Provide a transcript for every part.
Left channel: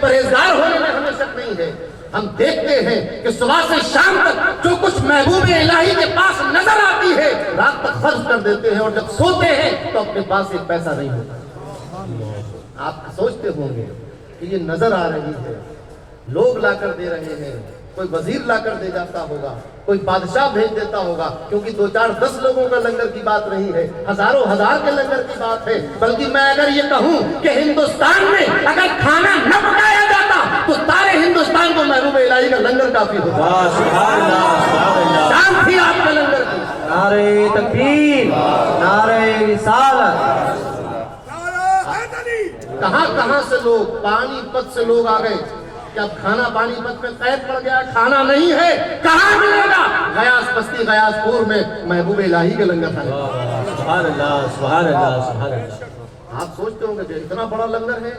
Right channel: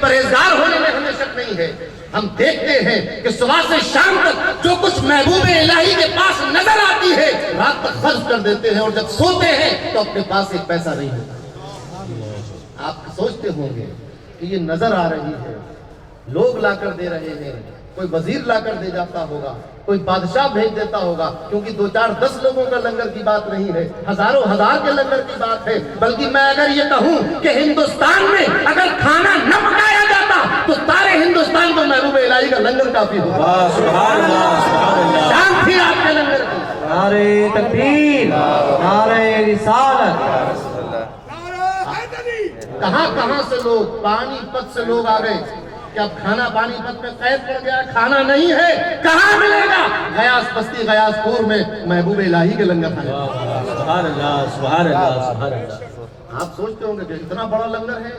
پرہیزگار ہونے میں ہمیں شک نہیں ہے. ہم دیکھتے ہیں کہ صبح سے شام تک جو کچھ محبوب الہی کے پاس نظر آتی ہے رات تک خرچ کر دیتے ہیں اور جب سوتے ہیں تو اپنے پاس ایک پیسہ نہیں ہوتا. آپ سوچتے ہوں گے کہ یہ نظر آ رہی ہے, لوگ لا کر دے رہے ہیں, کوئی وزیر لا کر دے جاتا ہوگا, کوئی بادشاہ بھیج دیتا ہوگا, کیونکہ 2 4 10 لوگوں کا لنگر کی بات نہیں ہے, ہزاروں ہزار کے لنگر کی بات ہے. بلکہ میں اگر یہ کہوں کہ ہندوستان میں اگر کھانا نہ پکایا جاتا تو سارے ہندوستان کو محبوب الہی کا لنگر کافی ہوتا. سبحان اللہ سبحان اللہ. شان تھی آپ کے لنگر کی. نعرہ تکبیر, نعرہ رسالت. کہاں کہاں سے لوگ, پانی پت سے لوگ آ گئے کہ اب کھانا پانی پت میں قید پڑ گیا, کھانا نہیں ہے, کہاں ملے گا؟ غیاث بستی غیاث پور میں محبوب الہی کے لنگر کھانے. سبحان اللہ سبحان اللہ سبحان اللہ. آپ سوچتے ہوں گے کہ اتنا بڑا لنگر ہے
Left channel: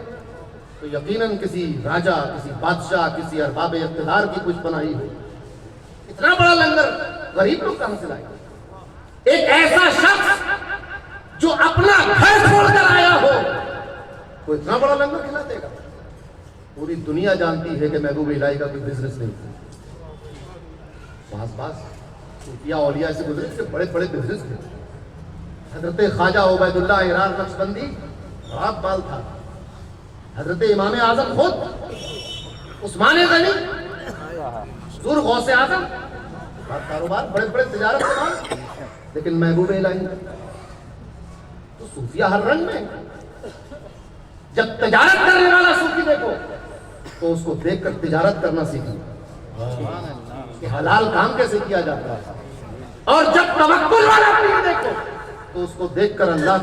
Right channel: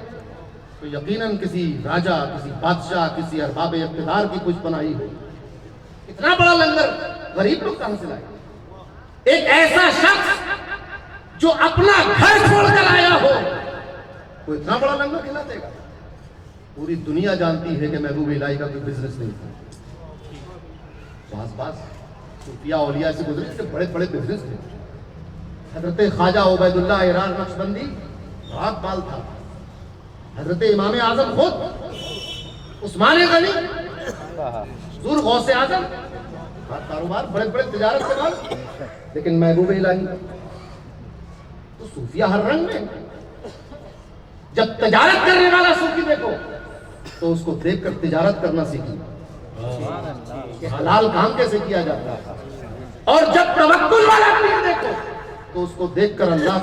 تو یقیناً کسی راجہ, کسی بادشاہ, کسی ارباب اقتدار کی کچھ بنائی ہو. اتنا بڑا لنگر غریب لوگ کہاں سے لائے؟ ایک ایسا شخص جو اپنا گھر چھوڑ کر آیا ہو وہ اتنا بڑا لنگر کھلا دے گا؟ پوری دنیا جانتی ہے کہ محبوب الہی کا کوئی بزنس نہیں تھا. بعض صوفیاء اولیاء سے گزرے سے بڑے بڑے بزنس تھے. حضرت خواجہ عبید اللہ ارار نقشبندی بڑا مال تھا. حضرت امام اعظم خود عثمان غنی حضور غوث اعظم کاروبار, بڑے بڑے تجارت کے مال. لیکن محبوب الہی تو صوفیاء ہر رنگ میں. جب تجارت کرنے والا صوفی دیکھو تو اس کو دیکھ کر تجارت کرنا سیکھیں کہ حلال کام کیسے کیا جاتا ہے. اور جب توکل والا پیر دیکھو تو اس کو دیکھ کر اللہ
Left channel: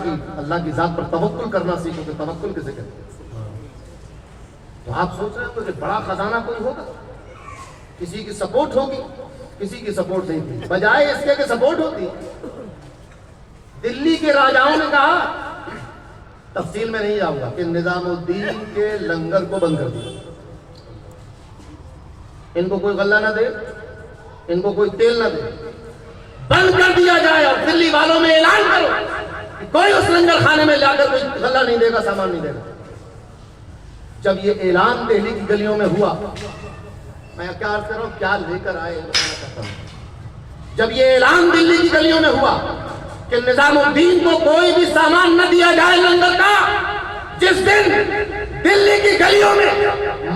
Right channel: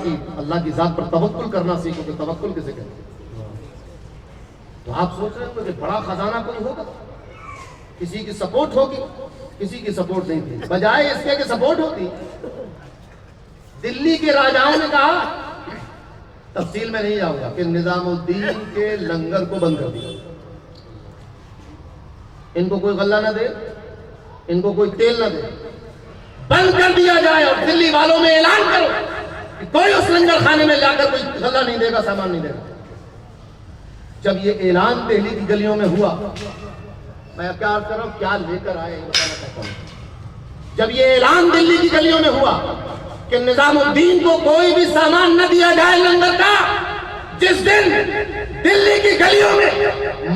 کی ذات پر توکل کرنا سیکھو کہ توکل کیسے کرتے ہیں. تو آپ سوچ رہے ہو کہ بڑا خزانہ کوئی ہوگا, کسی کی سپورٹ ہوگی, کسی کی سپورٹ نہیں تھی. بجائے اس کے کہ سپورٹ ہوتی, دلی کے راجاؤں نے کہا, تفصیل میں نہیں جاؤں گا, کہ نظام الدین کے لنگر کو بند کر دیا. ان کو کوئی غلہ نہ دے, ان کو کوئی تیل نہ دے, بند کر دیا جائے. اور دلی والوں میں اعلان کرو کہ کوئی اس لنگر خانے میں جا کر کوئی غلہ نہیں دے گا, سامان نہیں دے گا. جب یہ اعلان دہلی کی گلیوں میں ہوا, میں کیا عرض کر رہا ہوں, کیا لے کر آئے بتانا چاہتا ہوں. جب یہ اعلان دلی کی گلیوں میں ہوا کہ نظام الدین کو کوئی بھی سامان نہ دیا جائے لنگر کا, جس دن دلی کی گلیوں میں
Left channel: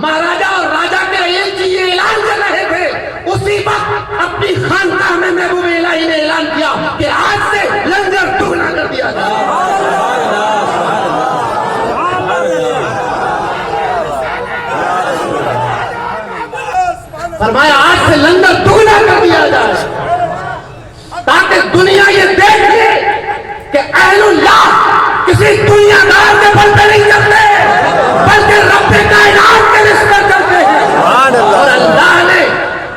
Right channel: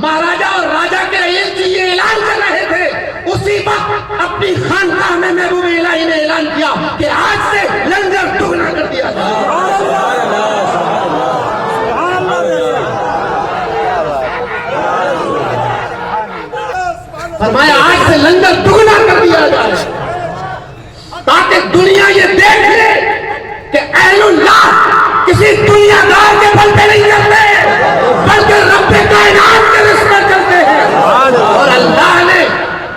مہاراجا اور راجا کے ایلچی یہ اعلان کر رہے تھے, اسی وقت اپنی خانقاہ میں محبوب الہی نے اعلان کیا کہ آج سے لنگر دگنا کر دیا جائے. فرمایا آج سے لنگر دگنا کر دیا جائے, تاکہ دنیا یہ دیکھ لے کہ اہل اللہ کسی دنیا دار کے بل پہ نہیں کرتے, بلکہ رب کائنات کے رسمت کرتے ہیں. اور اللہ نے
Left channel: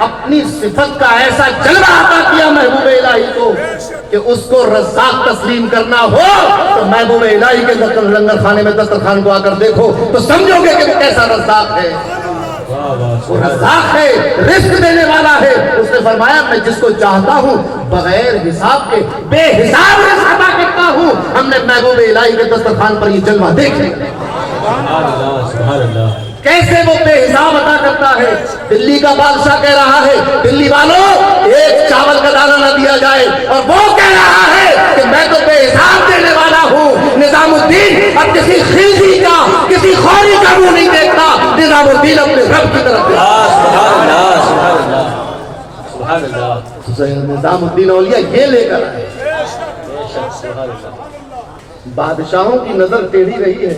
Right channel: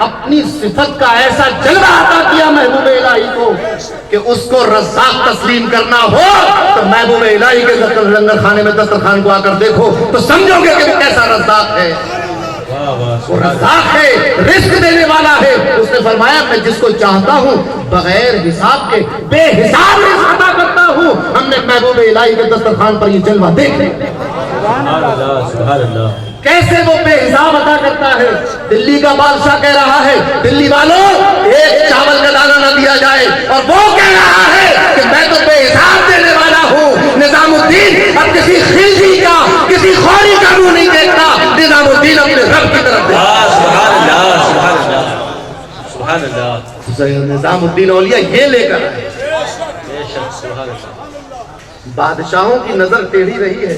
اپنی صفت کا ایسا جلوہ عطا کیا محبوب الہی کو کہ اس کو رزاق تسلیم کرنا ہو تو محبوب الہی کے لنگر خانے میں دسترخوان کو آ کر دیکھو تو سمجھو گے کہ وہ کیسا رزاق ہے. وہ رزاق ہے, رزق دینے والا ہے. اس نے فرمایا میں جس کو چاہتا ہوں بغیر حساب کے بے حساب رزق عطا کرتا ہوں. ہم نے محبوب الہی کے دسترخوان پر یہ جلوہ دیکھے کیسے وہ بے حساب عطا کرتا ہے. دلی کا بادشاہ کہہ رہا ہے, دلی والوں ایک چاول کا دانہ نہ دیا جائے, اور وہ کہہ رہا ہے کہ میں تو بے حساب دینے والا ہوں. نظام الدین اب کسی خیزی کا, کسی خوری کا منہ نہیں دیکھتا, نظام الدین اپنے رب کی طرف دیکھتا. نظام الدین اولیاء یہ لے کر آئے. بادشاہوں کی نظر ٹیڑھی رہی ہے,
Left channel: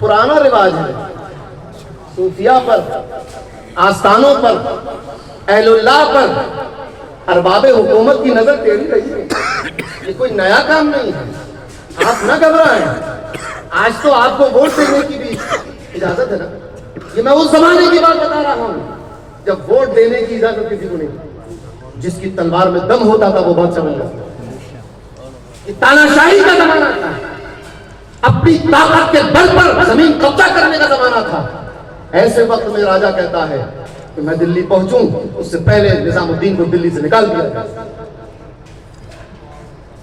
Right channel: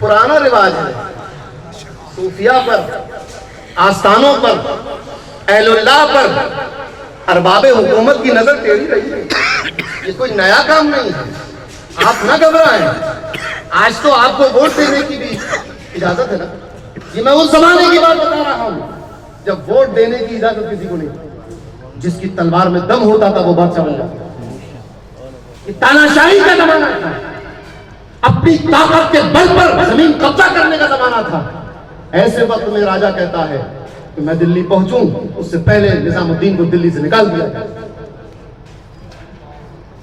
پرانا رواج ہے. صوفیاء پر, آستانوں پر, اہل اللہ پر, ارباب حکومت کی نظر ٹیڑھی رہی ہے. یہ کوئی نیا کام نہیں ہے, آپ نہ گھبرائیں. آج تو آپ کو ووٹ دینے کی بھی اجازت ہے نا. یہ میں اس زمانے کی بات بتا رہا ہوں جب ووٹ دینے کی اجازت کسی کو نہیں تھی. جس کی تلوار میں دم ہوتا تھا وہ بادشاہ بن جاتا. یہ تاناشاہی کا زمانہ تھا, اپنی طاقت کے بل پر زمین قبضہ کرنے کا زمانہ تھا. ایسے وقت میں راجا کہتا ہے کہ میں دلی پہنچوں, اس سے پہلے نظام الدین کو دلی سے نکال دیا.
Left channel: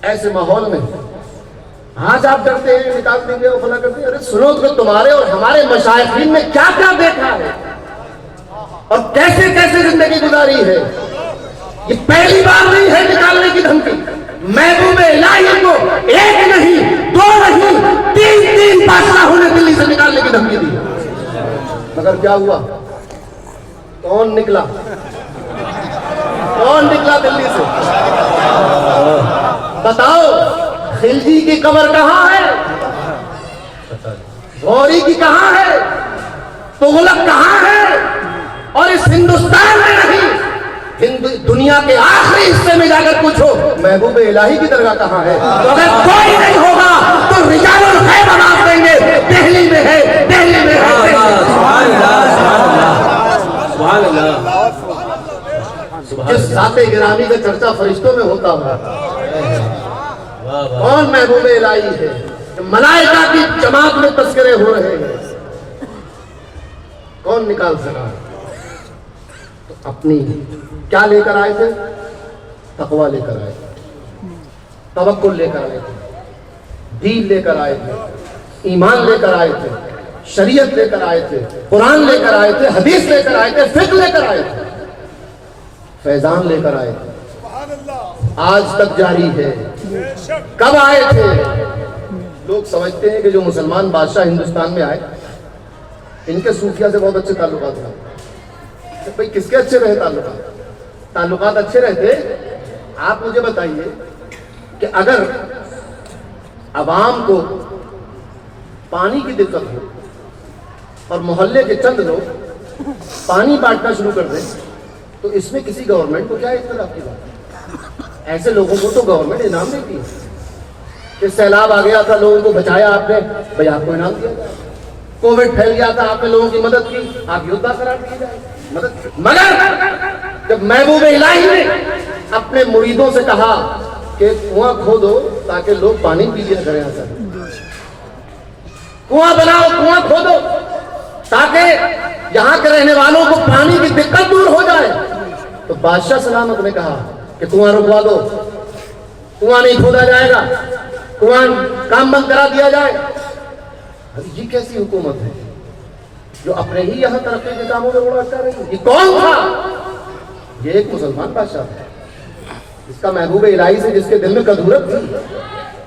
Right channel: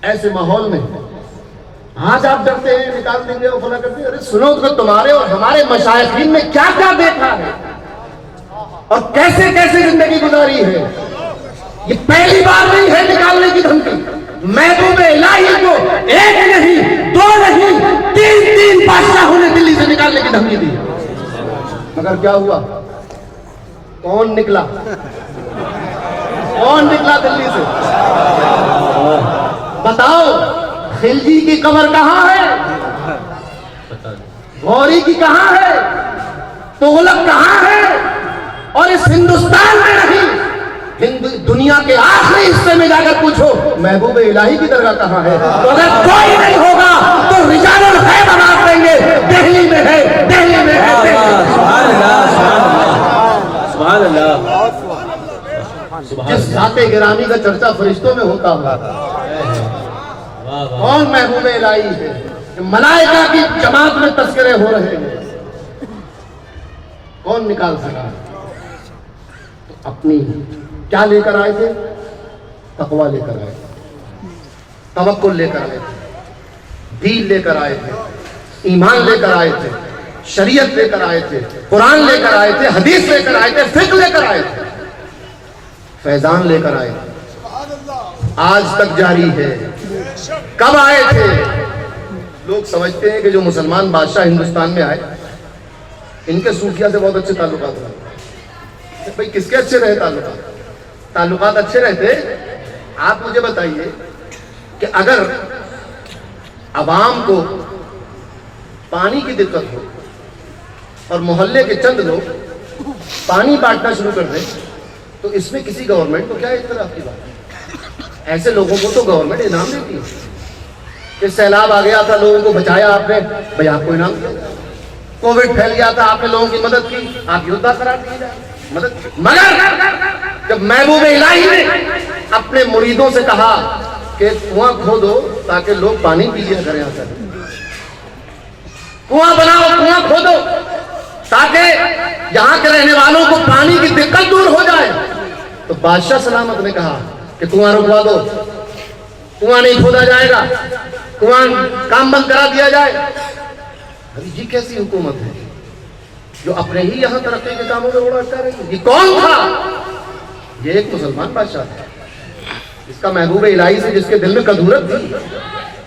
ایسے ماحول میں آج آپ ڈرتے ہیں نکال دیں گے اور فلاں کرتے ہیں. ارے سنو تو تمہارے اور ہمارے مشائخین نے کیا کیا دیکھا ہے اور کیسے کیسے زندگی گزاری ہے. یہ پہلی بار نہیں ہے نکالنے کی دھمکی. محبوب الہی کو ایک نہیں دو نہیں تین بادشاہوں نے دلی سے نکالنے کی دھمکی دی. مگر کیا ہوا؟ کون نکلا؟ کون نکلا دلی سے؟ بتاؤ. خلجی کی قبر کہاں ہے؟ غوری کی کہاں ہے؟ تغلق کہاں ہے؟ اور اس ہندوستان میں نہیں, دنیا کے آخری حصے میں جا کر پوچھو محبوب الہی کی درگاہ کہاں ہے. تو اگر کوئی نہیں ہوگا تو رجال الغیب آواز دیں گے دہلی میں ہے, دہلی میں ہے. سبحان اللہ سبحان اللہ سبحان جس ذات گرامی کا چرچا فرشتوں میں ہوتا ہے, اللہ. کون محبوب الہی ہے؟ ملائکہ کی جماعت میں تذکرے ہو رہے ہیں, کون نکال سکا؟ تو اپنی کیا لے کر آئے تھے؟ تقویٰ لے کر آئے تھے, توکل لے کر آئے تھے, دین لے کر آئے تھے, ایمان لے کر آئے تھے, شریعت لے کر آئے تھے, قرآن لے کر آئے تھے, حدیث لے کر آئے تھے, فقہ لے کر آئے تھے, فیضان لے کر آئے تھے. آج تک جاری ہے. کب آئے تھے؟ لوگ سمجھتے ہیں کہ جو مسلمان بادشاہ ہندوستان میں آئے ان کے صوفیہ سے بہت اچھے تعلقات رہے. بھائی کس کے اچھے رہے تعلقات اچھے رہتے. آپ مجھے بتائیے کہ اگر عوام کو پانی کی دقت ہو اور محلے کے چند لوگ پانی بانٹنا شروع کر دیں تو اس میں کسی گورنمنٹ کو کیا اختلاف کی بات ہے؟ ایسے لوگوں کو تو گورنمنٹ انعام دیتی ہے. کہ سیلاب آ گیا تھا, لوگوں کو بچایا آپ نے, بھائی آپ کو انعام دیا. کووڈ پھیل گیا تھا, آپ نے لوگوں کی مدد کی, آپ یودھا قرار دیے جائے مدد کی. مگر جب محبوب الہی نے اپنے مریدوں سے کہا کہ کنواں کھودو تاکہ لوگ پانی پی لیا کریں, آتا کنواں بناؤ, کنواں کھودو تاکہ یہاں کے رہنے والوں کو پانی کی دقت دور ہو جائے, تو بادشاہ سلامت نے کہا کہ کنواں رکوا دو, کنواں نہیں کھودا جائے گا, کنواں کام بند کرا دیا جائے. ابھی یہ کیسی حکومت ہے جو اپنے ہی یہاں ترقی کے کاموں میں بڑا اٹکا رہی ہے؟ یہ کون تھا؟ یہ ایک مسلمان بادشاہ تھا اس کا محبوب الہی سے جس کے دل میں کدورت تھی.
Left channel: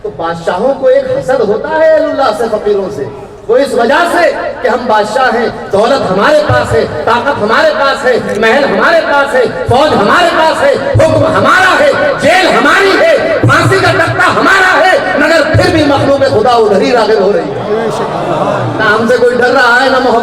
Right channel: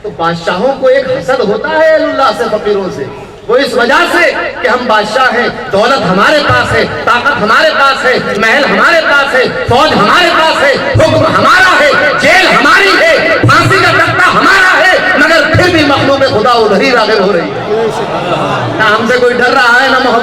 تو بادشاہوں کو ایک حسد ہوتا ہے اللہ سے, فقیروں سے. وہ اس وجہ سے کہ ہم بادشاہ ہیں, دولت ہمارے پاس ہے, طاقت ہمارے پاس ہے, محل ہمارے پاس ہے, فوج ہمارے پاس ہے, حکم ہمارا ہے, جیل ہماری ہے, پھانسی کا تختہ ہمارا ہے, مگر پھر بھی مخلوق خدا ادھر ہی راغب ہو رہی ہے. نہ ہم سے کوئی ڈر رہا ہے نہ محبت.